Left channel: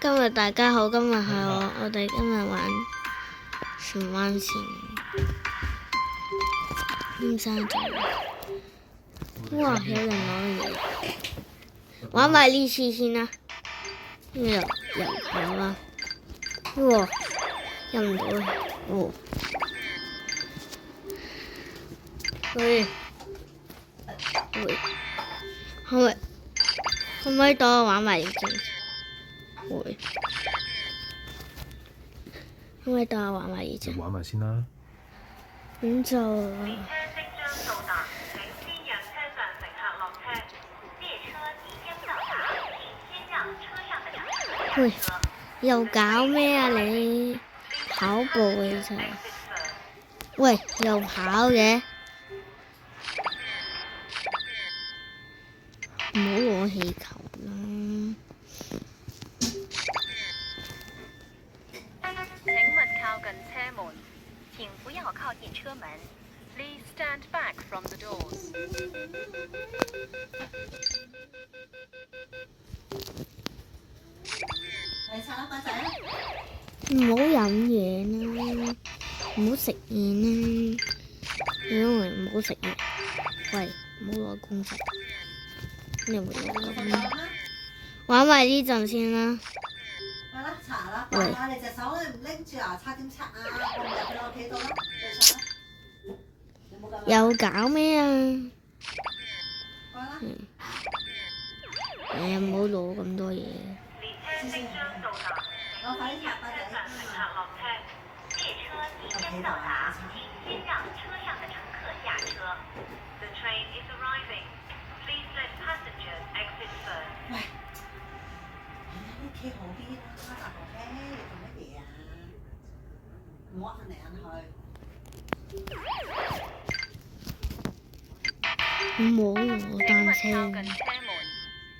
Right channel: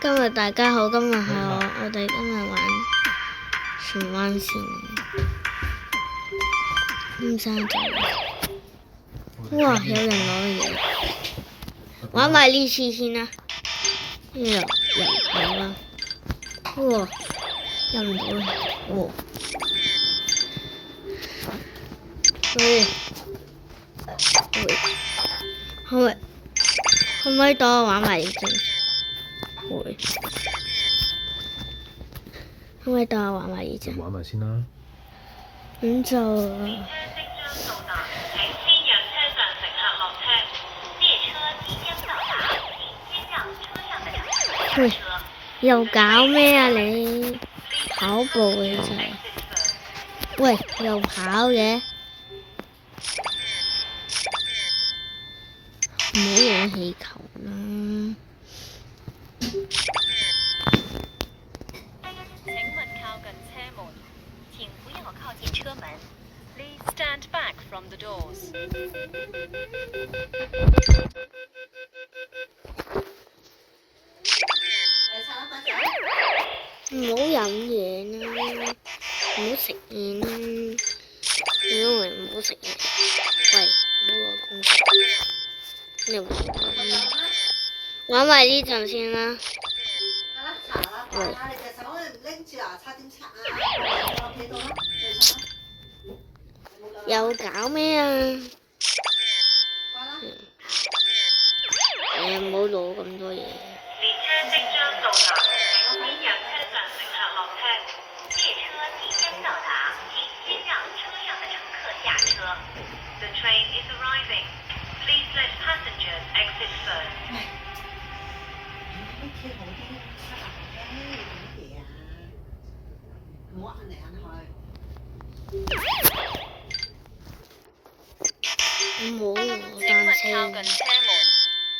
今日大家好，今日係我哋今日玩荃灣線尖沙咀。哇！有人攞嘢，玩埋呢次先啦。入口啦。哇！入唔到啦。哦。喂，可唔可以等我玩埋呢隻？會。可唔可以等我玩埋呢隻？玩埋先啦。咁就。喂，又搞咩啊你？跑步嘅啫。喂，又跑嘅。唔好攞氣球啦。請勿靠近車門，請不要靠近車門。Please stand back from the doors。唔好飲嘢啦，唔好食嘢啦，因為唔好食嘢。喂，唔好攞工具。你玩埋呢陣先啦。喂。你隻手唔拎住牙刷點刷啊？我企度啦。又搞咩啊？唔好攞咁多嘢。列車即將到達，請先讓車上乘客落車。列車即將到達，請先讓車上的乘客下車。The train is arriving. Please let passengers exit first. 屋企好啲，開大學咧，你做乜嘢啊？唔好摁嚟摁去。唔好攞單車。靠近車門，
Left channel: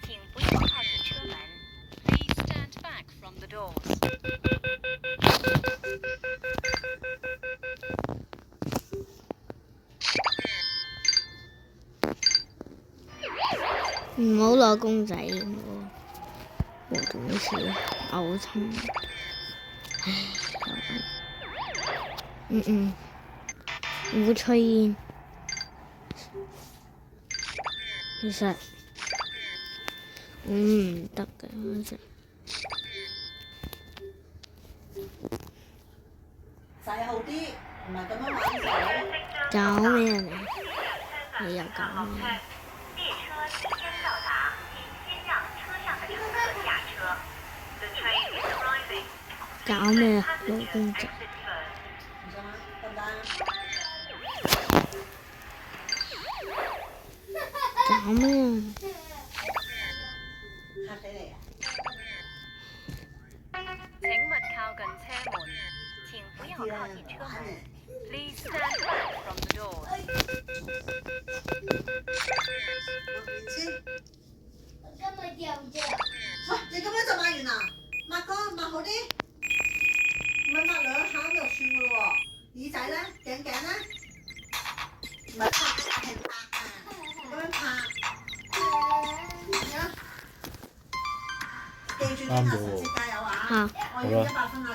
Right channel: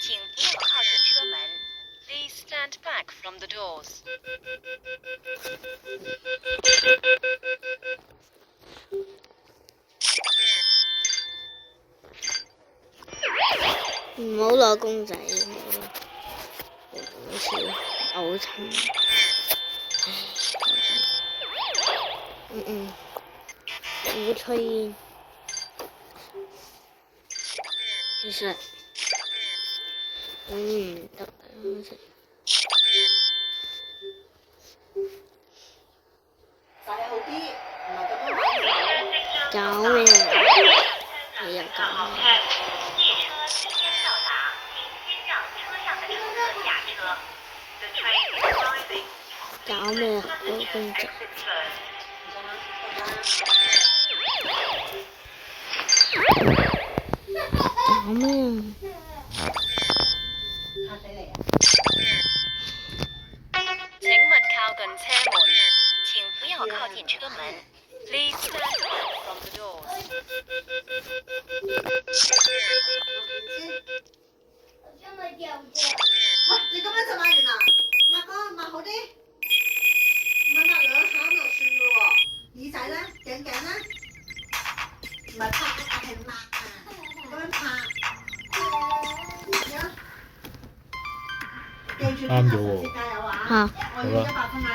請不要靠近車門。Please stand back from the doors。唔好攞公仔，我仲好似嘔親。唔好吹煙。其實唔得嘅，好似。洗好啲，唔係咁樣玩。搞咩啊？你又搞咩？搞咩啊？攞公仔。搞咩啊？請勿靠近車門，請不要靠近車門。Please stand back from the doors。你咁樣就抹完啦？抹乾抹好啲，唔係抹兩下就算嘅喎。耳仔咧，頸咧，唔係拍係拍啊，咁樣拍。記住，下次加油啊！我要100分啊！